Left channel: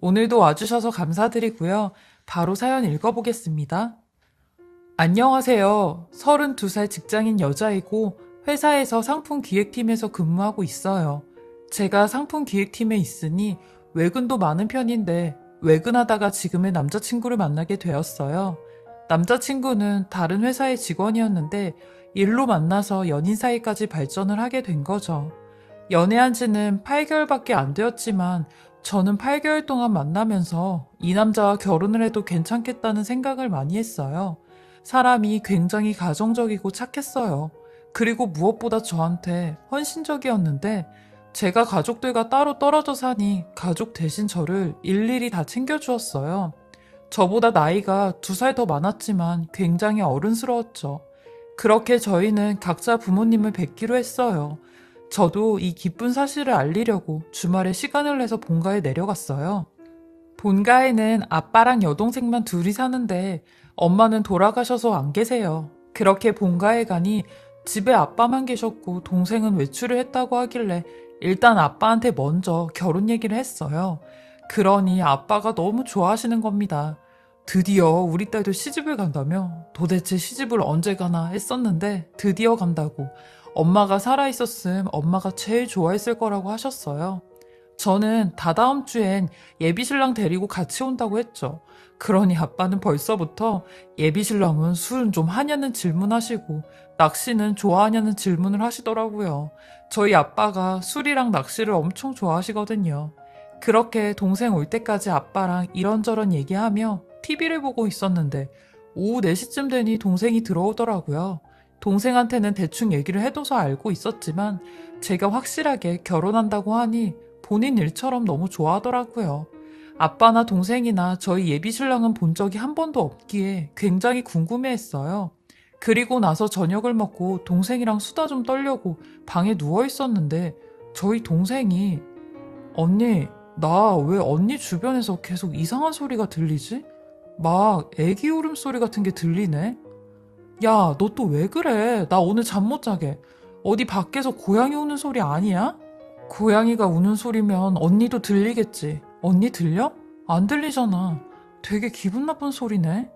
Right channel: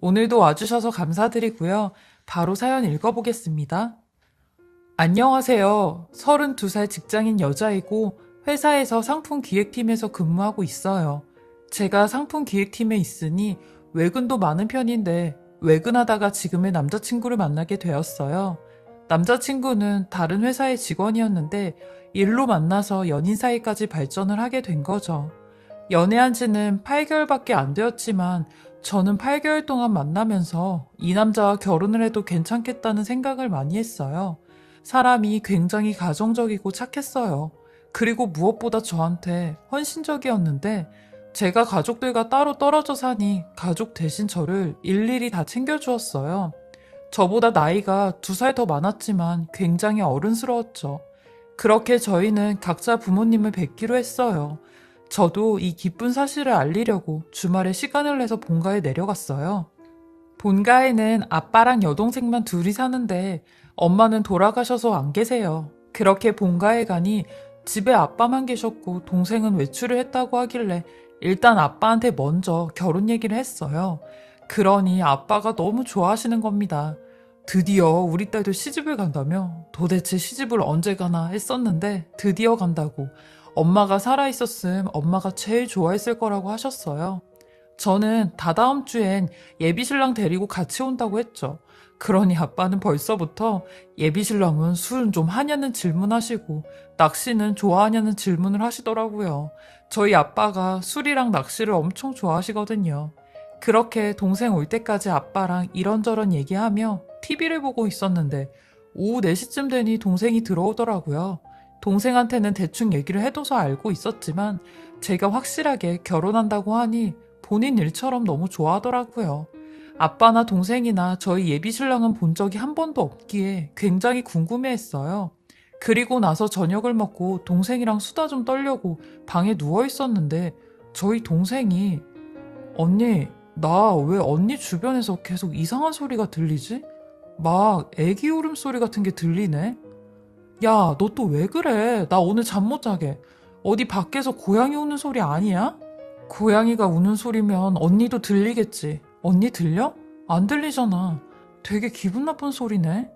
오늘도 와주셔서 감사드리고요. 바로 사연 읽어보겠습니다. 안녕하세요. 32살 직장인 여자이고 회사에서 상품 기획팀에서 근무하고 있어요. 제가 상품 기획팀에 있으니 외근도 많은 편인데 외근하다가 지금의 남자친구를 만나게 되었어요. 남자친구는 다른 회사의 직원이었는데 일로 만나서 연인 사이까지 발전을 하게 된 거죠. 연애한 지는 8개월밖에 안 되었지만 저는 8개월 동안 만나면서 이 남자와 결혼을 해도 괜찮겠다는 생각을 많이 했어요. 사람이 굉장히 가정적이고 착했어요. 그리고 무엇보다 저한테 헌신적이었는데 제가 가족들과 따로 떨어져 사니 가족 대신 저를 일일이 다 챙겨주었어요. 저보다 나이가 2살 더 많았지만 굉장히 어른스러웠죠. 그렇게 저희는 각자 부모님을 뵙기로 했어요. 저도 이 기쁜 사실을 알리려고 주말에 시간을 내서 본가에 내려갔어요. 본가에는 아빠랑 여동생만 둘이 사는데 엄마는 돌아가셔서 안 계세요. 그렇게 본가에 가니 집에 아빠만 계셨고 동생은 외출을 했다고 하길래 일단 아빠한테 먼저 결혼 얘기를 했어요. 그러니 아빠가 너무 좋아하시는 겁니다. 드디어 우리 딸도 시집을 간다며 도대체 시집을 언제 가나 했었는데 드디어 간다고 엄마가 살아있었음 엄마가 제일 좋아했을 거라고 하셨어요. 저는 다다음 주엔 예비신랑 데리고 같이 온다고 했죠. 그러니 아빠는 벌써부터 예비신랑은 술 좀 하냐는 질문하시고 낚시는 좋아하냐는 질문을 하시더라고요. 저희 아빠가 술이랑 낚시를 엄청 좋아하시거든요. 그렇게 동생 올 때까지 아빠랑 이런저런 얘기하며 TV를 보고 있었는데 오후 4시쯤 되니 동생이 들어오더라고요. 동생한테는 대충 얘기를 해둬서 알고 있었지만 제가 확실하게 결혼한다고 하니 본인 일처럼 너무 좋아하더라고요. 아빠나 동생이나 저희 예비신랑은 본 적이 한 번도 없기에 굉장히 궁금해했어요. 그리고 나서 저녁을 먹고 동생이랑 수다 좀 떨려고 방에 누워 있었는데 저희 동생이 언니, 나 왜 언니 주변에서 계속 이상한 소리가 들리지? 막 애기 울음소리 같은 게 들리네? 야, 너 또 왜 그래? 나 오늘 잠 못 자게. 어디 밖에서 고양이 우는 소리 아니야? 고양이가 우는 소리면 언니도 들리겠지. 언니 들려? 안 들리잖아. 되게 기분 나쁜 소리네.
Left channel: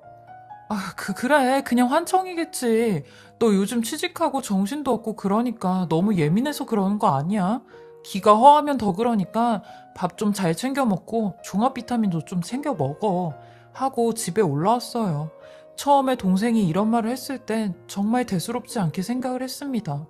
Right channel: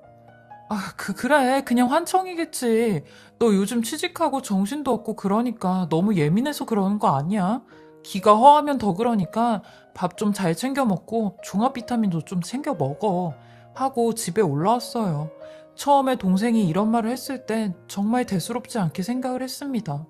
아, 그래. 그냥 환청이겠지. 너 요즘 취직하고 정신도 없고 그러니까 너무 예민해서 그러는 거 아니야? 기가 허하면 더 그러니까 밥 좀 잘 챙겨 먹고 종합 비타민도 좀 챙겨 먹어. 하고 집에 올라왔어요. 처음에 동생이 이런 말을 했을 땐 정말 대수롭지 않게 생각을 했습니다.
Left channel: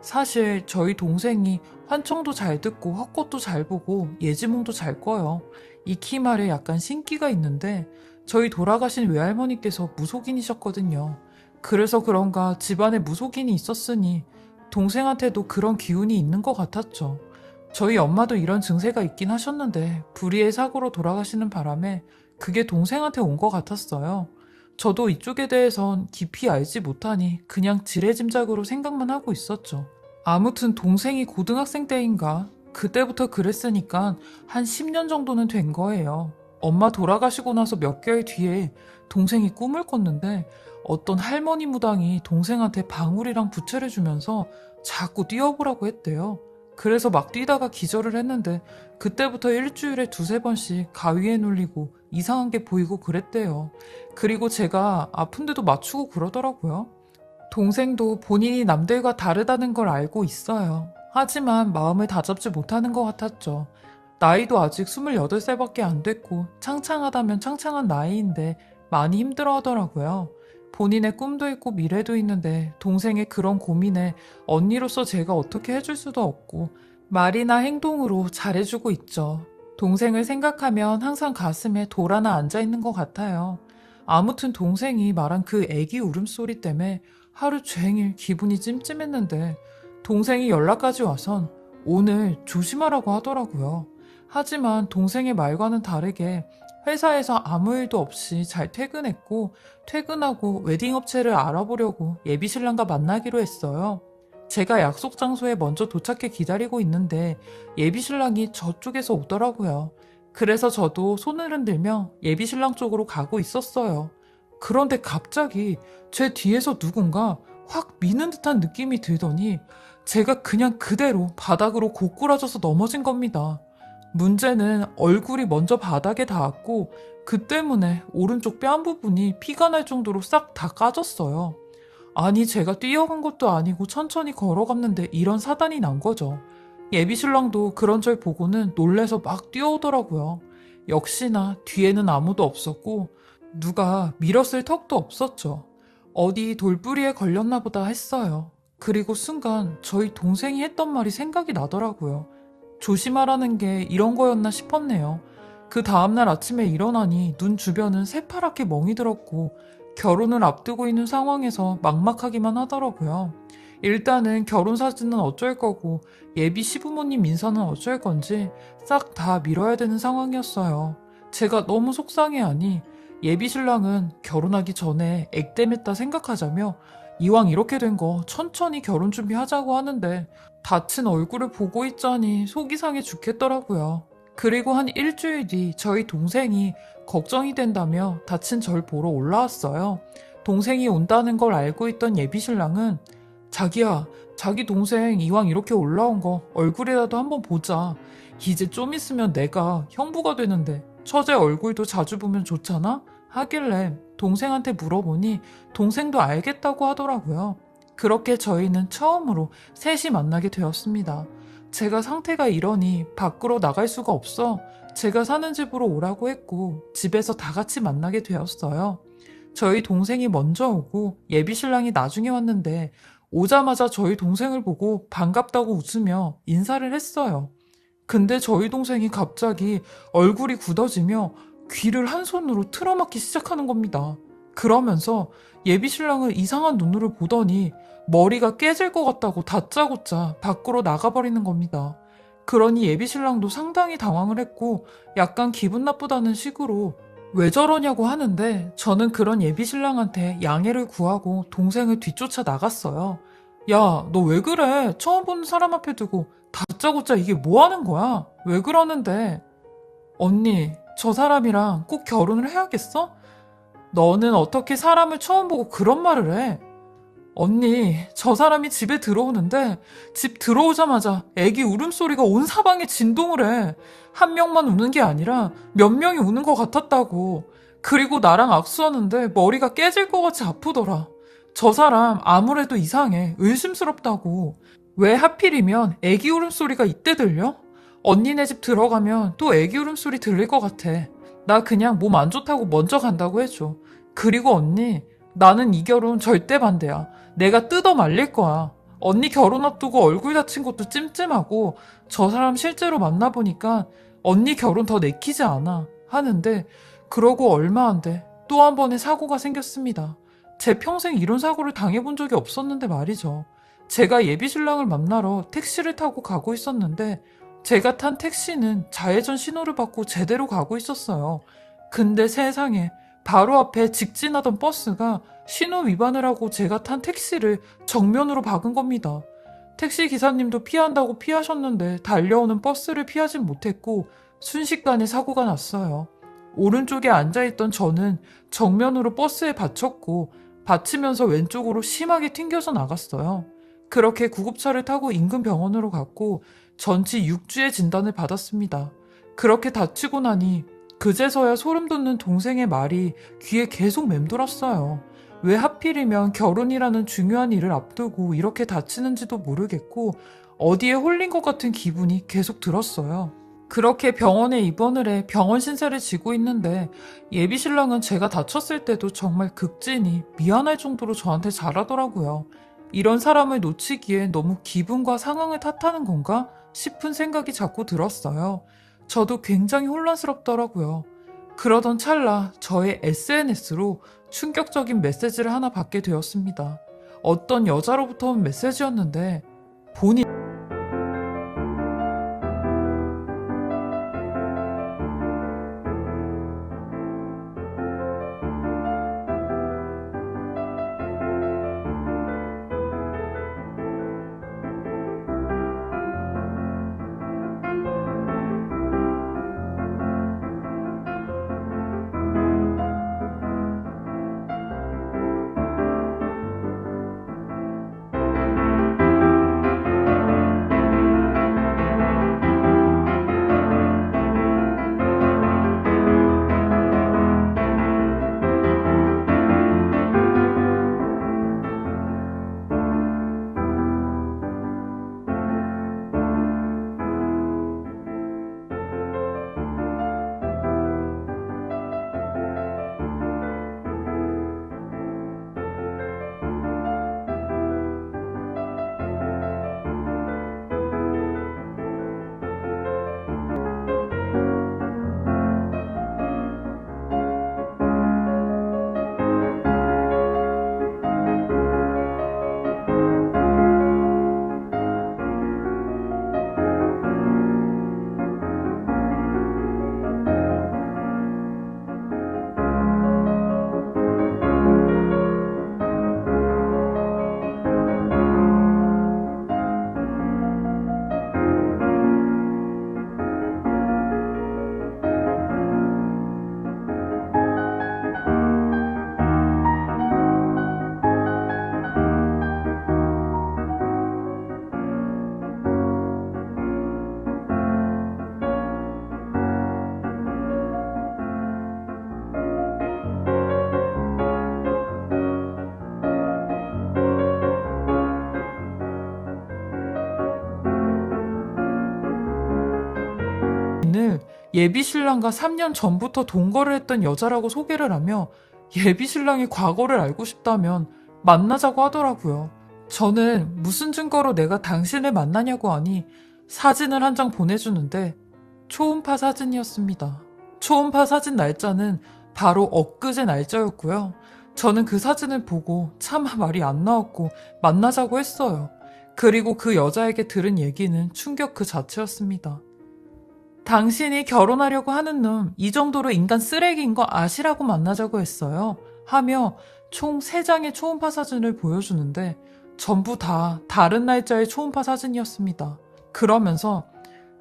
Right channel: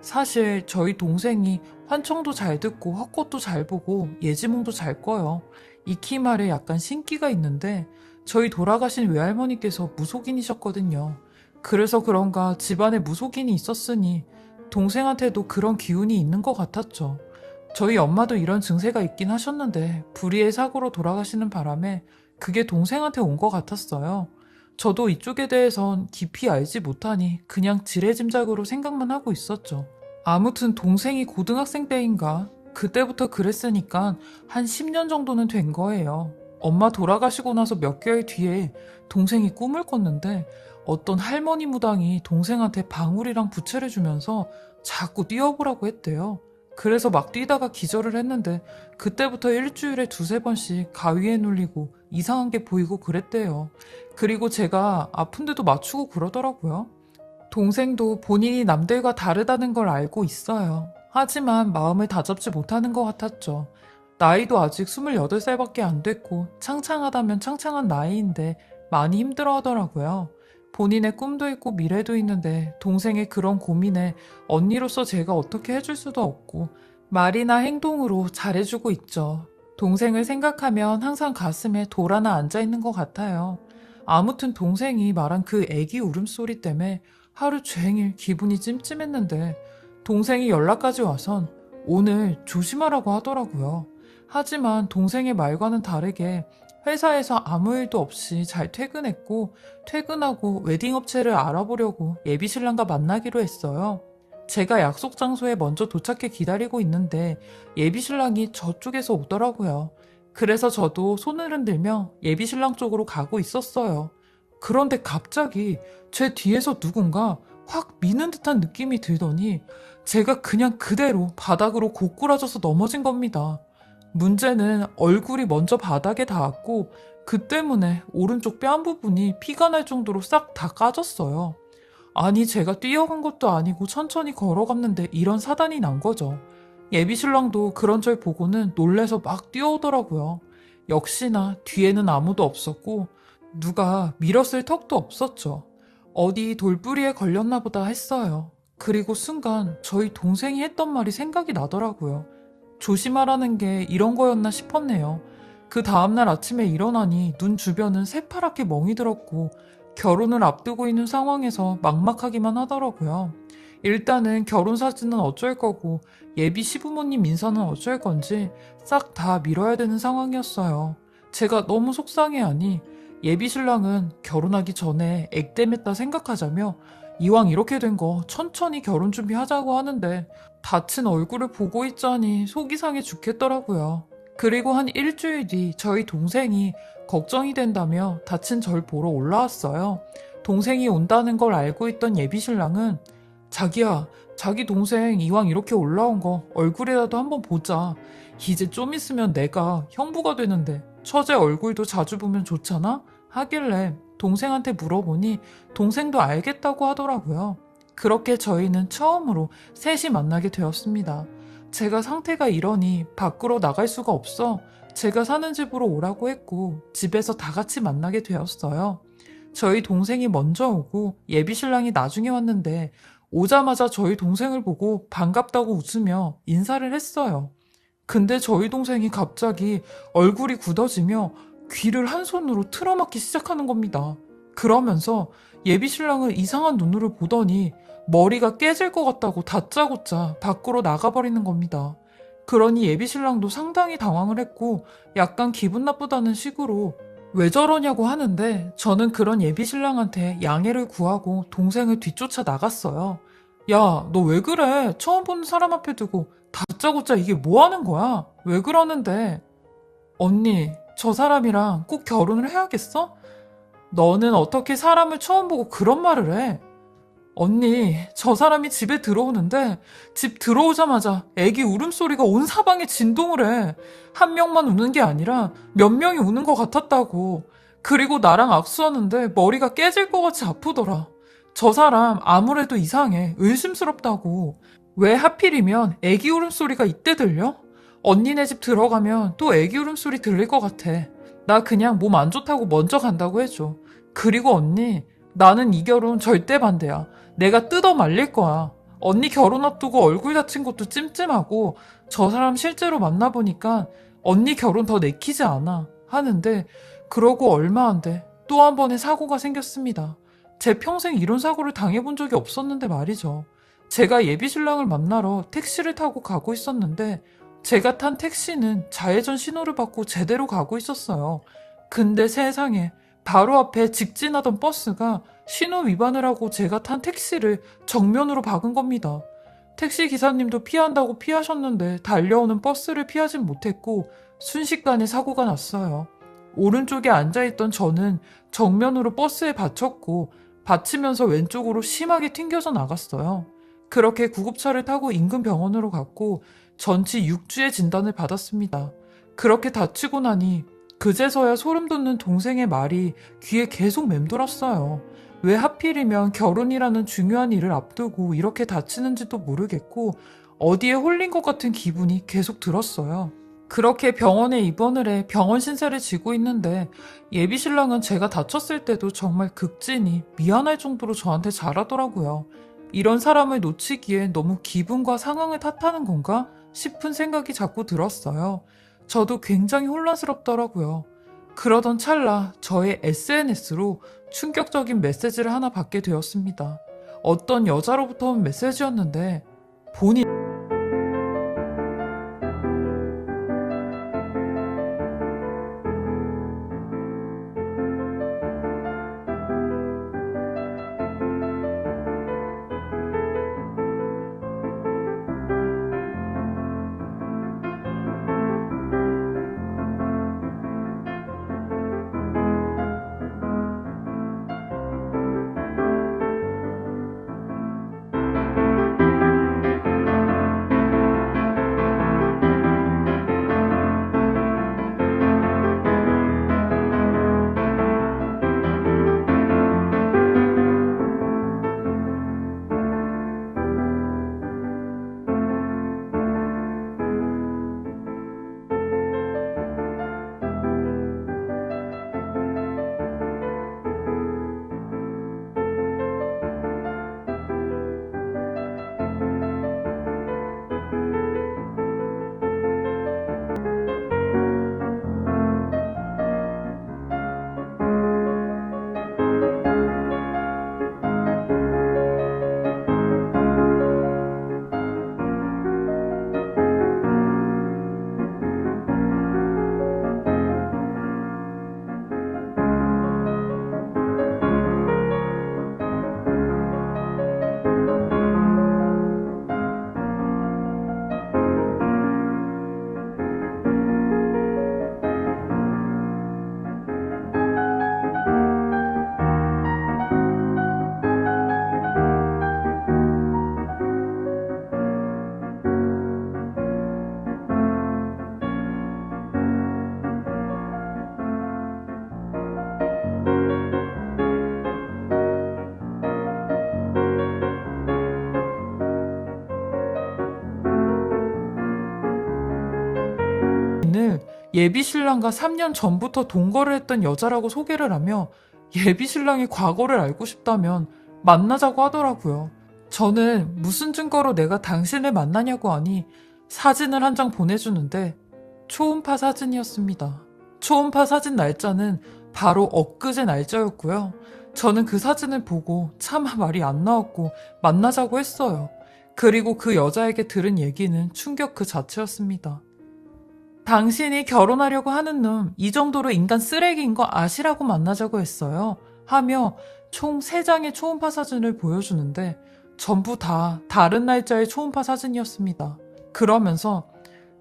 사실 저희 동생이 환청도 잘 듣고 헛것도 잘 보고 예지몽도 잘 꿔요. 익히 말에 약간 신기가 있는데 저희 돌아가신 외할머니께서 무속인이셨거든요. 그래서 그런가 집안에 무속인이 있었으니 동생한테도 그런 기운이 있는 것 같았죠. 저희 엄마도 이런 증세가 있긴 하셨는데 불의의 사고로 돌아가시는 바람에 그게 동생한테 온 것 같았어요. 저도 이쪽에 대해선 깊이 알지 못하니 그냥 지레짐작으로 생각만 하고 있었죠. 아무튼 동생이 고등학생 때인가 그때부터 그랬으니까 한 10년 정도는 된 거예요. 엄마 돌아가시고 나서 몇 개월 뒤에 동생이 꿈을 꿨는데 어떤 할머니 무당이 동생한테 방울이랑 부채를 주면서 자꾸 뛰어보라고 했대요. 그래서 막 뛰다가 기절을 했는데 그때부터 일주일에 2~3번씩 가위에 눌리고 이상한 게 보이고 그랬대요. 그리고 제가 아픈데도 맞추고 그러더라고요. 동생도 본인이 남들과 다르다는 걸 알고 있어요. 하지만 마음을 다잡지 못하는 것 같았죠. 나이도 아직 28살밖에 안 됐고 창창하다면 창창한 나이인데 많이 힘들어 하더라고요. 본인의 꿈도 있고 미래도 있는데 동생의 그런 고민에 언니로서 제가 어떻게 해줄 수도 없고 말이나 행동으로 잘해주고 있죠. 동생을 생각하면 항상 가슴에 돌 하나 앉아있는 것 같아요. 아무튼 동생이 말한 그 애기 울음소리 때문에 하루 종일 기분이 찜찜했는데 동생이 연락까지 와선 오늘 조심하라고 하더라고요. 하지만 동생의 말과는 다르게 회사에서 아무 일도 없이 잘 퇴근했고 퇴근하고 웨딩업체를 알아보려고 예비신랑과 만나기로 했어요. 제가 약속 장소에 먼저 도착해 기다리고 있는데 예비신랑이 저쪽에서 오더라고요. 그래서 저도 손을 흔들며 예비신랑 쪽으로 가고 있었어요. 그런데 갑자기 제 뒤에서 누군가 확 미는 듯한 느낌이 들더니 제가 그냥 그대로 바닥으로 고꾸라져서 넘어진 겁니다. 문제는 얼굴이 먼저 바닥에 닿았고 그 때문에 오른쪽 뺨 부분이 피가 날 정도로 싹 다 까졌어요. 아니 제가 뛰어간 것도 아니고 천천히 걸어갔는데 이런 사단이 난 거죠. 예비신랑도 그런 절 보고는 놀래서 막 뛰어오더라고요. 역시나 뒤에는 아무도 없었고 누가 밀었을 턱도 없었죠. 어디 돌부리에 걸렸나 보다 했어요. 그리고 순간 저희 동생이 했던 말이 생각이 나더라고요. 조심하라는 게 이런 거였나 싶었네요. 그 다음날 아침에 일어나니 눈 주변은 새파랗게 멍이 들었고 결혼을 앞두고 있는 상황에서 막막하기만 하더라고요. 일단은 결혼 사진은 어쩔 거고 예비 시부모님 인사는 어쩔 건지 싹 다 미뤄야 되는 상황이었어요. 제가 너무 속상해하니 예비 신랑은 결혼하기 전에 액땜했다 생각하자며 이왕 이렇게 된 거 천천히 결혼 준비하자고 하는데 다친 얼굴을 보고 있자니 속이 상해 죽겠더라고요. 그리고 한 일주일 뒤 저희 동생이 걱정이 된다며 다친 절 보러 올라왔어요. 동생이 온다는 걸 알고 있던 예비신랑은 자기야, 자기 동생 이왕 이렇게 올라온 거 얼굴이라도 한번 보자. 이제 좀 있으면 내가 형부가 되는데 처제 얼굴도 자주 보면 좋잖아? 하길래 동생한테 물어보니 동생도 알겠다고 하더라고요. 그렇게 저희는 처음으로 셋이 만나게 되었습니다. 제가 상태가 이러니 밖으로 나갈 수가 없어 제가 사는 집으로 오라고 했고 집에서 다 같이 만나게 되었어요. 저희 동생이 먼저 오고 예비신랑이 나중에 왔는데 오자마자 저희 동생을 보고 반갑다고 웃으며 인사를 했어요. 근데 저희 동생이 갑자기 얼굴이 굳어지며 귀를 한 손으로 틀어막기 시작하는 겁니다. 그러면서 예비신랑을 이상한 눈으로 보더니 머리가 깨질 것 같다고 다짜고짜 밖으로 나가버리는 겁니다. 그러니 예비신랑도 상당히 당황을 했고 약간 기분 나쁘다는 식으로 왜 저러냐고 하는데 저는 그런 예비신랑한테 양해를 구하고 동생을 뒤쫓아 나갔어요. 야, 너 왜 그래? 처음 보는 사람 앞에 두고 다짜고짜 이게 뭐 하는 거야? 왜 그러는데? 언니, 저 사람이랑 꼭 결혼을 해야겠어? 너는 어떻게 사람을 처음 보고 그런 말을 해? 언니, 저 사람이 집에 들어오는데 집 들어오자마자 애기 울음소리가 온 사방에 진동을 해. 한 명만 우는 게 아니라 몇 명이 우는 것 같았다고. 그리고 나랑 악수하는데 머리가 깨질 것 같이 아프더라. 저 사람 아무래도 이상해. 의심스럽다고. 왜 하필이면 애기 울음소리가 이때 들려? 언니네 집 들어가면 또 애기 울음소리 들릴 것 같아. 나 그냥 몸 안 좋다고 먼저 간다고 해줘. 그리고 언니, 나는 이 결혼 절대 반대야. 내가 뜯어 말릴 거야. 언니 결혼 앞두고 얼굴 다친 것도 찜찜하고 저 사람 실제로 만나보니까 언니 결혼 더 내키지 않아 하는데 그러고 얼마 안 돼. 또 한 번의 사고가 생겼습니다. 제 평생 이런 사고를 당해본 적이 없었는데 말이죠. 제가 예비신랑을 만나러 택시를 타고 가고 있었는데 제가 탄 택시는 좌회전 신호를 받고 제대로 가고 있었어요. 근데 세상에 바로 앞에 직진하던 버스가 신호 위반을 하고 제가 탄 택시를 정면으로 박은 겁니다. 택시 기사님도 피한다고 피하셨는데 달려오는 버스를 피하진 못했고 순식간에 사고가 났어요. 오른쪽에 앉아있던 저는 정면으로 버스에 받쳤고 받치면서 왼쪽으로 심하게 튕겨져 나갔어요. 그렇게 구급차를 타고 인근 병원으로 갔고 전치 6주의 진단을 받았습니다. 그렇게 다치고 나니 그제서야 소름 돋는 동생의 말이 귀에 계속 맴돌았어요. 왜 하필이면 결혼이라는 중요한 일을 앞두고 이렇게 다치는지도 모르겠고 어디에 홀린 것 같은 기분이 계속 들었어요. 그렇게 병원에 입원을 해 병원 신세를 지고 있는데 예비신랑은 제가 다쳤을 때도 정말 극진히 미안할 정도로 저한테 잘하더라고요. 이런 사람을 놓치기에 너무 기분과 상황을 탓하는 건가 싶은 생각이 자꾸 들었어요. 저도 굉장히 혼란스럽더라고요. 그러던 찰나 저의 SNS로 충격적인 메시지를 하나 받게 되었습니다. 어떤 여자로부터 온 메시지였는데 본인 오늘 예비신랑과 3년 전부터 동거를 했던 여자라고 소개를 하며 예비신랑의 과거를 알고 싶다면 만나자고 하더라고요. 저는 무슨 증거로 내가 당신을 만나냐고 하니 사진을 한 장 보내주는데 초음파 사진이었습니다. 초음파 사진 날짜는 바로 엊그제 날짜였고요. 저는 그 사진을 보고 차마 말이 안 나왔고 만나자고 했어요. 그리고 그 여자에게 들은 얘기는 충격 그 자체였습니다. 당신이 결혼하려고 하는 놈 이 정도로 인간 쓰레기인 거 아시라고 만나자고 했어요. 하며 총 3장의 초음파 사진을 보여주는데 전부 다 다른 날짜의 초음파 사진이었습니다. 그러면서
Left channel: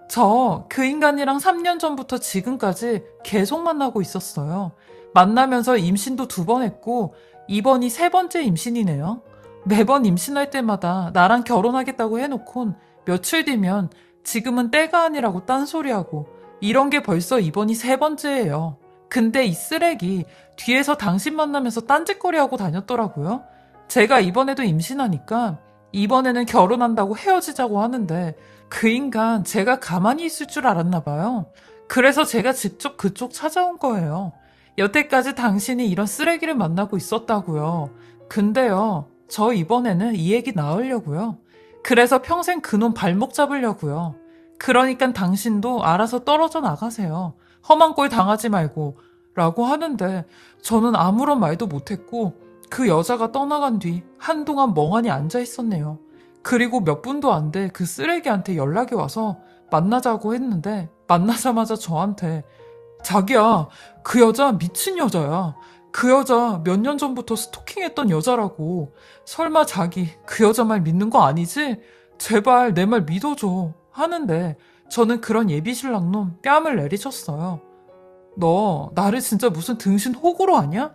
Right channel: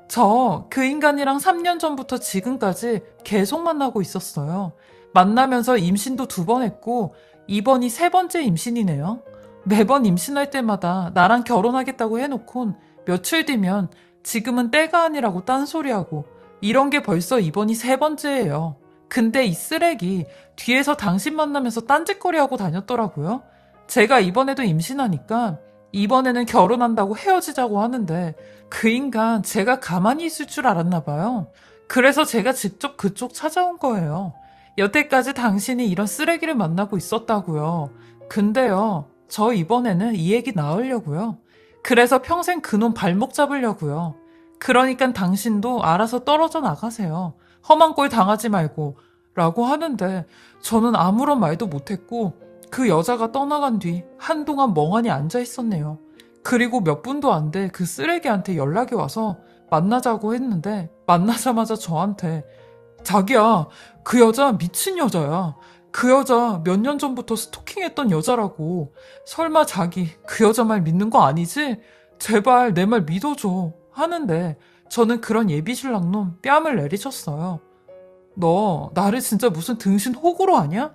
저 그 인간이랑 3년 전부터 지금까지 계속 만나고 있었어요. 만나면서 임신도 2번 했고 이번이 3번째 임신이네요. 매번 임신할 때마다 나랑 결혼하겠다고 해놓곤 며칠 뒤면 지금은 때가 아니라고 딴소리하고 이런 게 벌써 이번이 3번째예요. 근데 이 쓰레기 뒤에서 당신 만나면서 딴짓거리하고 다녔더라고요. 제가 이번에도 임신하니까 이번에는 결혼한다고 헤어지자고 하는데 그 인간 제가 가만히 있을 줄 알았나 봐요. 그래서 제가 직접 그쪽 찾아온 거예요. 여태까지 당신이 이런 쓰레기를 만나고 있었다고요. 근데요, 저 이번에는 이 얘기 나으려고요. 그래서 평생 그놈 발목 잡으려고요. 그러니까 당신도 알아서 떨어져 나가세요. 험한 꼴 당하지 말고 라고 하는데 저는 아무런 말도 못했고 그 여자가 떠나간 뒤 한동안 멍하니 앉아 있었네요. 그리고 몇 분도 안 돼 그 쓰레기한테 연락이 와서 만나자고 했는데 만나자마자 저한테 자기야, 그 여자 미친 여자야. 그 여자 몇 년 전부터 스토킹했던 여자라고. 설마 자기 그 여자 말 믿는 거 아니지? 제발 내 말 믿어줘. 하는데 저는 그런 예비신랑 놈 뺨을 내리쳤어요. 너 나를 진짜 무슨 등신 호구로 아냐?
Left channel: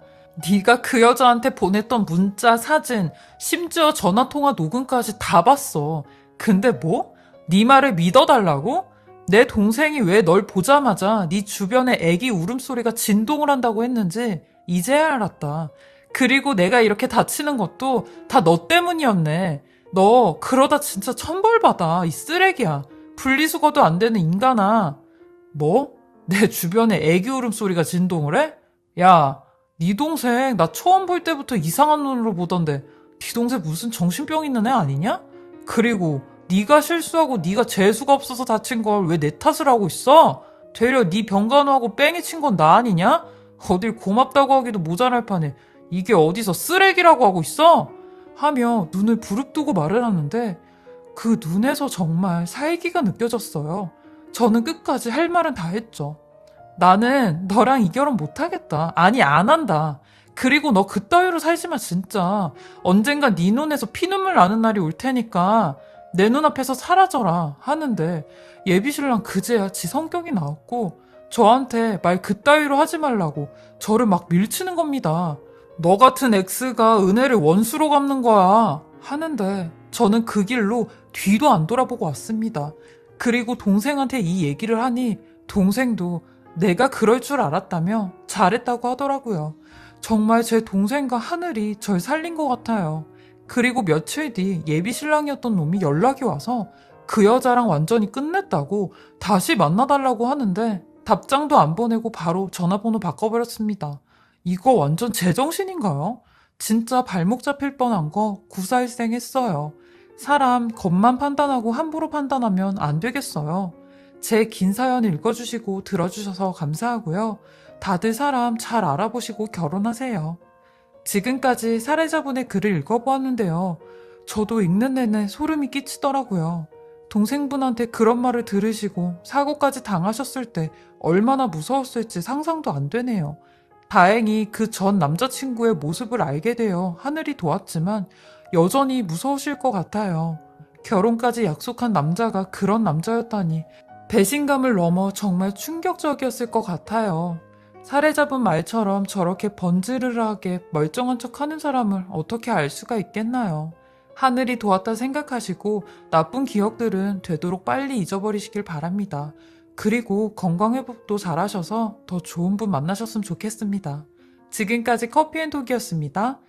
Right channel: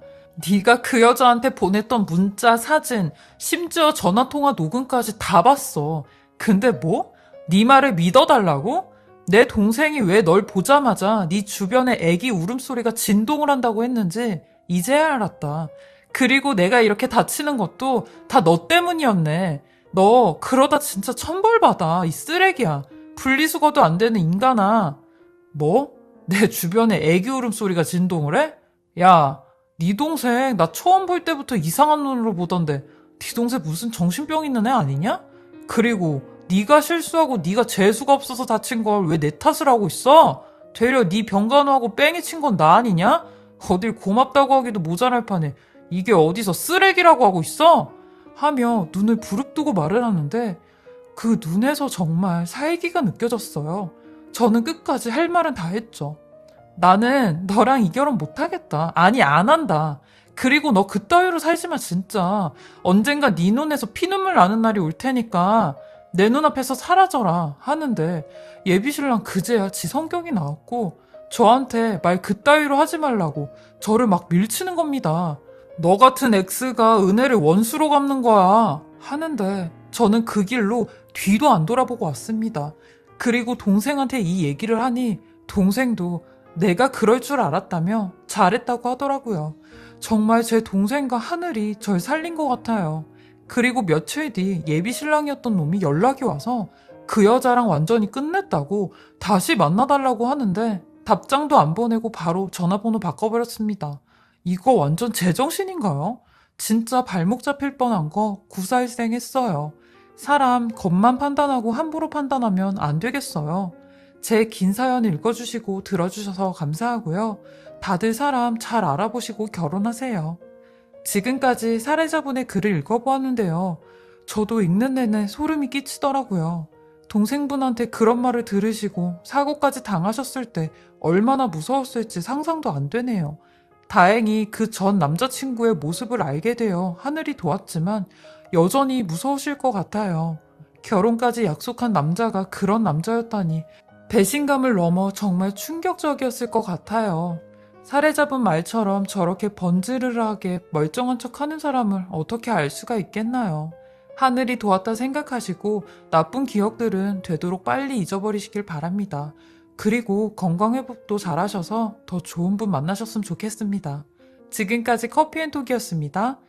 네가 그 여자한테 보냈던 문자, 사진, 심지어 전화통화 녹음까지 다 봤어. 근데 뭐? 네 말을 믿어달라고? 내 동생이 왜 널 보자마자 네 주변에 애기 울음소리가 진동을 한다고 했는지 이제야 알았다. 그리고 내가 이렇게 다치는 것도 다 너 때문이었네. 너 그러다 진짜 천벌받아. 이 쓰레기야. 분리수거도 안 되는 인간아. 뭐? 내 주변에 애기 울음소리가 진동을 해? 야, 네 동생 나 처음 볼 때부터 이상한 눈으로 보던데 네 동생 무슨 정신병 있는 애 아니냐? 그리고 네가 실수하고 네가 재수가 없어서 다친 걸 왜 내 탓을 하고 있어? 되려 네 병간호하고 뺑이 친 건 나 아니냐? 어딜 고맙다고 하기도 모자랄 판에 이게 어디서 쓰레기라고 하고 있어? 하며 눈을 부릅뜨고 말을 하는데 그 눈에서 정말 살기가 느껴졌어요. 저는 끝까지 할 말은 다 했죠. 나는 너랑 이 결혼 못하겠다. 아니 안 한다. 그리고 너 그따위로 살지만 진짜 언젠가 네 눈에서 피눈물 나는 날이 올 테니까 내 눈앞에서 사라져라 하는데 예비신랑 그제야 지 성격이 나왔고 저한테 말 그따위로 하지 말라고 저를 막 밀치는 겁니다. 너 같은 X가 은혜를 원수로 갚는 거야 하는데 저는 그 길로 뒤도 안 돌아보고 왔습니다. 그리고 동생한테 이 얘기를 하니 동생도 내가 그럴 줄 알았다며 잘했다고 하더라고요. 정말 제 동생과 하늘이 절 살린 것 같아요. 그리고 며칠 뒤 예비신랑이었던 놈이 연락이 와서 그 여자랑 완전히 끝냈다고 다시 만나달라고 하는데 답장도 안 보내고 바로 전화번호 바꿔버렸습니다. 이거 완전 제정신인가요? 진짜 발목 잡힐 뻔한 거 구사일생 했어요. 사람 겉만 판단하고 함부로 판단하면 안 되겠어요. 제 긴 사연 읽어주시고 들어주셔서 감사하고요. 다들 사람 잘 알아보시고 결혼하세요. 지금까지 사례자분의 글을 읽어보았는데요. 저도 읽는 내내 소름이 끼치더라고요. 동생분한테 그런 말을 들으시고 사고까지 당하셨을 때 얼마나 무서웠을지 상상도 안 되네요. 다행히 그 전 남자친구의 모습을 알게 되어 하늘이 도왔지만 여전히 무서우실 것 같아요. 결혼까지 약속한 남자가 그런 남자였다니 배신감을 넘어 정말 충격적이었을 것 같아요. 사례자분 말처럼 저렇게 번지르르하게 멀쩡한 척 하는 사람을 어떻게 알 수가 있겠나요? 하늘이 도왔다 생각하시고 나쁜 기억들은 되도록 빨리 잊어버리시길 바랍니다. 그리고 건강회복도 잘하셔서 더 좋은 분 만나셨으면 좋겠습니다. 지금까지 커피앤톡이었습니다.